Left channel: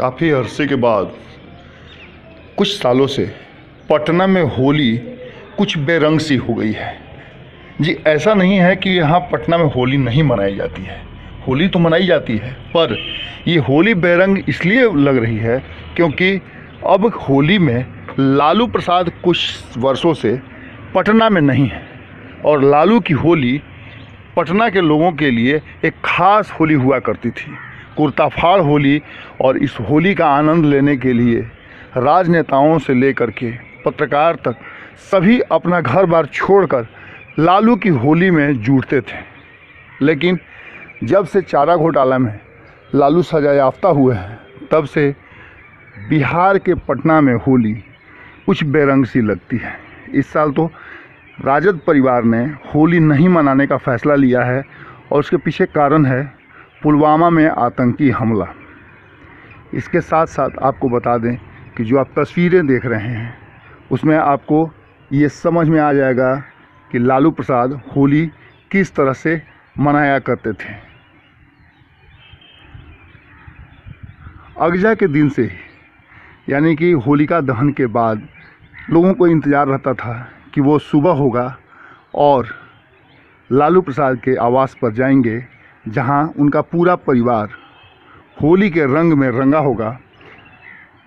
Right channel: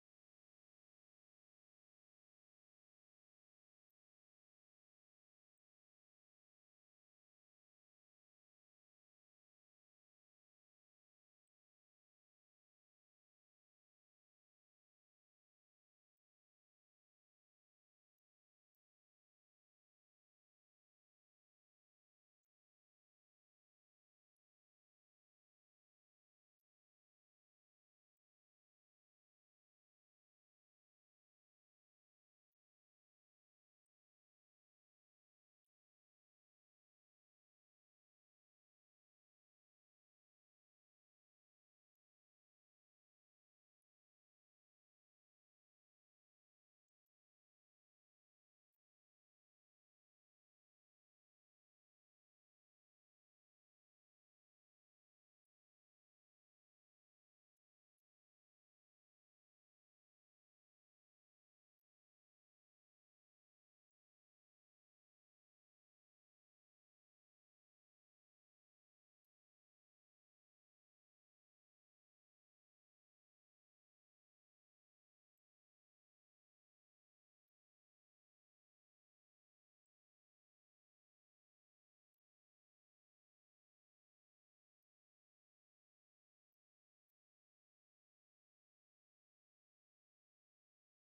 काफ़ी अरसे के बाद कुछ सालों से पटना में होली कुछ बेरंग सी हो गई है। जी, ऐसा नहीं है कि यहाँ पटना में होली नहीं मनाई जाती है, होली तो मनाई जाती है, पर ये होली बेरंग इसलिए लग रही है क्योंकि अब होली में लालू प्रसाद कुछ वर्षों से पटना में नहीं है और लालू की होली पटना के लोगों के लिए एक ख़ास होली हुआ करती थी, कुर्ता फाड़ होली। और इस होली का आनंद लेने के लिए राजनेताओं से लेकर के पत्रकार तक सभी अपना घर बार छोड़कर लालू की होली में जुटते थे। लेकिन जब से चारा घोटाला में लालू सजा याफ्ता हुए हैं, तब से बिहार के पटना में होली कुछ बेरंग सी लगती है। इस साल तो राजद परिवार ने होली नहीं मनाने का फ़ैसला लिया है और उसके पीछे कारण है पुलवामा में आतंकी हमला। इसके साथ साथ आपको बता दें कि जो आप तस्वीरें देख रहे हैं उसमें आपको ये समझ में आ जाएगा कि लालू प्रसाद होली किस तरह से मनाया करते थे। अगजा के दिन से ही, यानी कि होलिका दहन के बाद लोगों को इंतज़ार रहता था कि वो सुबह होगा और लालू प्रसाद के आवास पर जाएंगे, जहां उनका पूरा परिवार होली के रंग में रंगा होगा,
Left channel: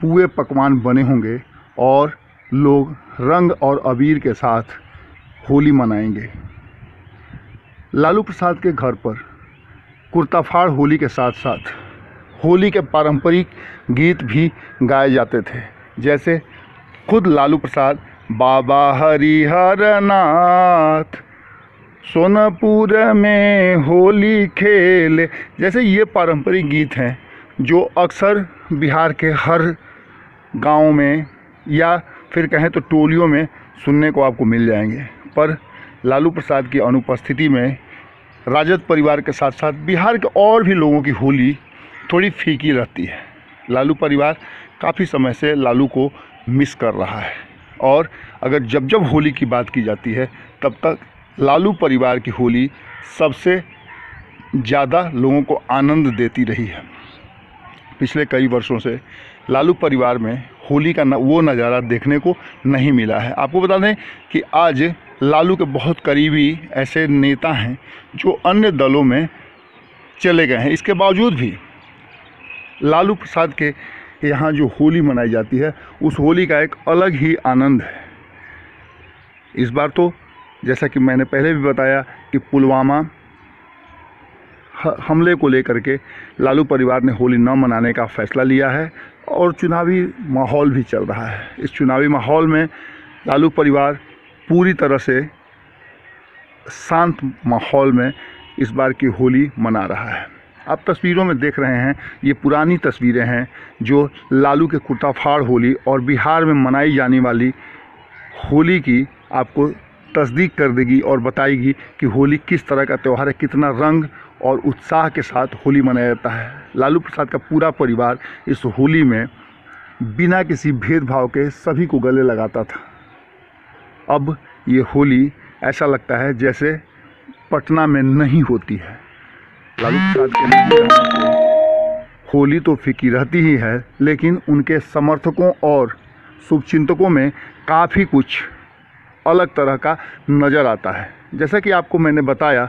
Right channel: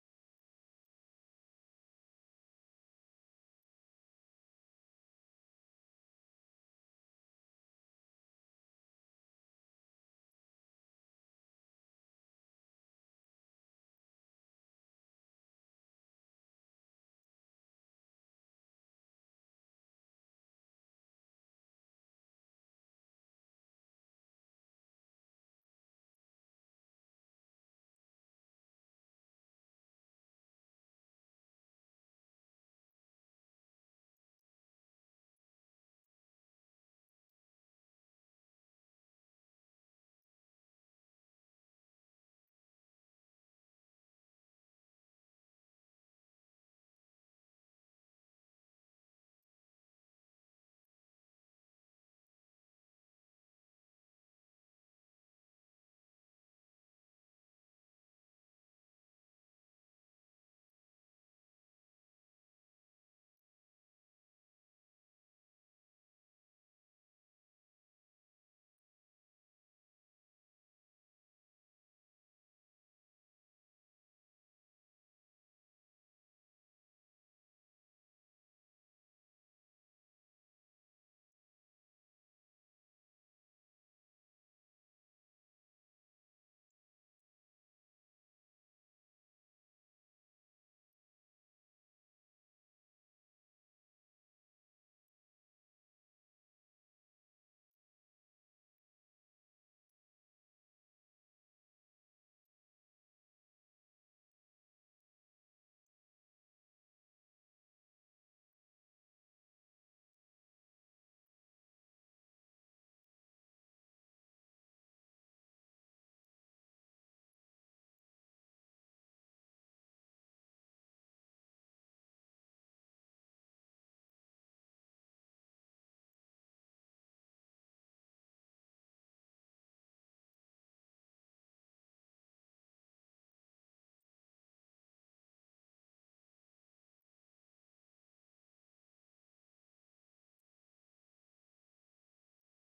पूरे पकवान बने होंगे और लोग रंग और अबीर के साथ होली मनाएंगे। लालू प्रसाद के घर पर कुर्ता फाड़ होली के साथ साथ होली के पारंपरिक गीत भी गाए जाते थे, जैसे खुद लालू प्रसाद बाबा हरिहर नाथ सोनपुर में होली खेले, जैसे ये पारंपरिक गीत हैं जो अक्सर बिहार के हर गांव में या फिर कहें तो टोलियों में सुनने को आपको मिल जाएंगे। पर लालू प्रसाद की अनुपस्थिति में राजद परिवार के साथ साथ बिहार के और भी लोगों की होली थोड़ी फीकी रहती है। लालू परिवार काफ़ी समय से लालू को मिस कर रहा है और अगर जब जब होली की बात की जाती है तब तक लालू परिवार की होली सबसे ज़्यादा लोगों को आनंद देती रही है। पिछले कई वर्षों से लालू परिवार में होली का वो नज़ारा देखने को नहीं मिला है। आपको बता दें कि आज लालू के बहुत करीबी ऐसे नेता हैं जो अन्य दलों में चले गए हैं। इसके बावजूद भी लालू प्रसाद के यहाँ जो होली मनाई जाती है उस होली का एक अलग ही आनंद है। इस बार तो जैसा कि मैंने पहले भी बताया कि पुलवामा हमले को लेकर के लालू परिवार ने होली न मनाने का फ़ैसला लिया है और चुनावी माहौल भी चल रहा है। इस चुनावी माहौल में लालू परिवार पूरी तरह से शांत माहौल में इस बार की होली मना रहा है। आप तस्वीरों में देख रहे हैं, ये पुरानी तस्वीरें हैं जो लालू के कुर्ता फाड़ होली और बिहार में मनाई जाने वाली होली की आपको तस्दीक कर देगी और बताएगी कि होली किस तरह का त्यौहार है, कितना रंग और उत्साह के साथ होली मनाया जाता है। लालू प्रसाद का पूरा परिवार इस होली में बिना किसी भेदभाव के सभी को गले लगाता था। अब ये होली ऐसा लगता है जैसे पटना में नहीं होती है। लालू प्रसाद के नहीं रहने से होली तो फीकी रहती ही है, लेकिन उनके समर्थकों और शुभचिंतकों में काफ़ी कुछ अलग तरह का नज़र आता है। जैसा कि आपको मैंने बताया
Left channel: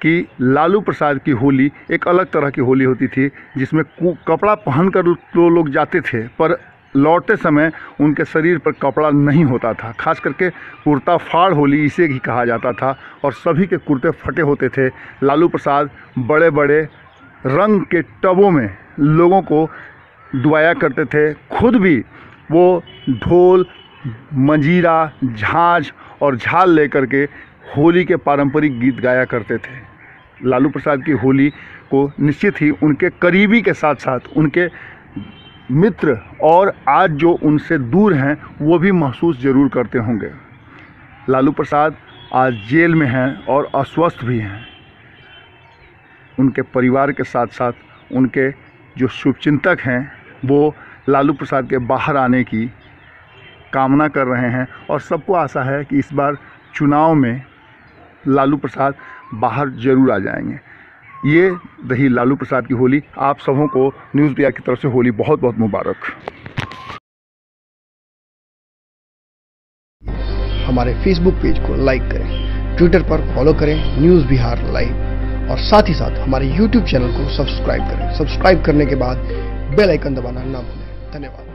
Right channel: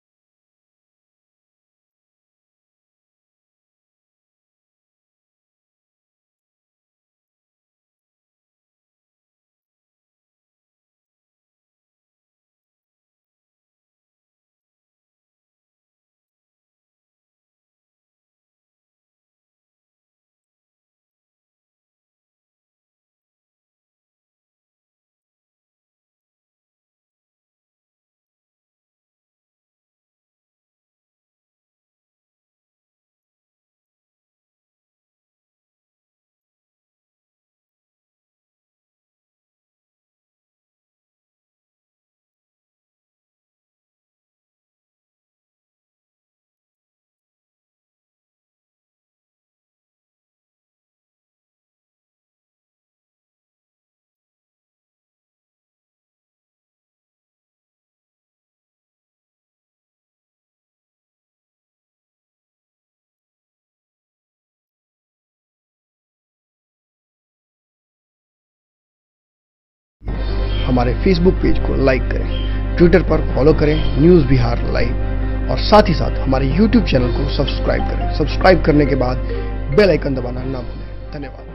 कि लालू प्रसाद की होली एक अलग तरह की होली होती थी, जिसमें कपड़ा पहनकर तो लोग जाते थे, पर लौटते समय उनके शरीर पर कपड़ा नहीं होता था। खास करके कुर्ता फाड़ होली इसे ही कहा जाता था और सभी के कुर्ते फटे होते थे। लालू प्रसाद बड़े बड़े रंग के टबों में लोगों को डुबाया करते थे। खुद भी वो ढोल, मंजीरा, झांझ और झाल लेकर के होली के पारंपरिक गीत गाया करते थे। लालू प्रसाद की होली को निश्चित ही उनके करीबी के साथ साथ उनके मित्र और आज जो उनसे दूर हैं वो भी महसूस ज़रूर करते होंगे। लालू प्रसाद आज जेल में हैं और अस्वस्थ भी हैं। उनके परिवार के साथ साथ उनके जो शुभचिंतक हैं वो लालू प्रसाद के बाहर आने की कामना कर रहे हैं और सबको आशा है कि इस बार चुनाव में लालू प्रसाद बाहर ज़रूर आ जाएंगे। ये रही लालू प्रसाद की होली। आप सबों को न्यूज़ बिहार की तरफ से होली बहुत बहुत मुबारक। हमारे फेसबुक पेज को लाइक करें, ट्विटर पर फॉलो करें न्यूज़ बिहार लाइव, और साथ ही साथ हमारे यूट्यूब चैनल को सब्सक्राइब करें। सब्सक्राइब करने के बाद बेल आइकन दबाना ना भूलें। धन्यवाद।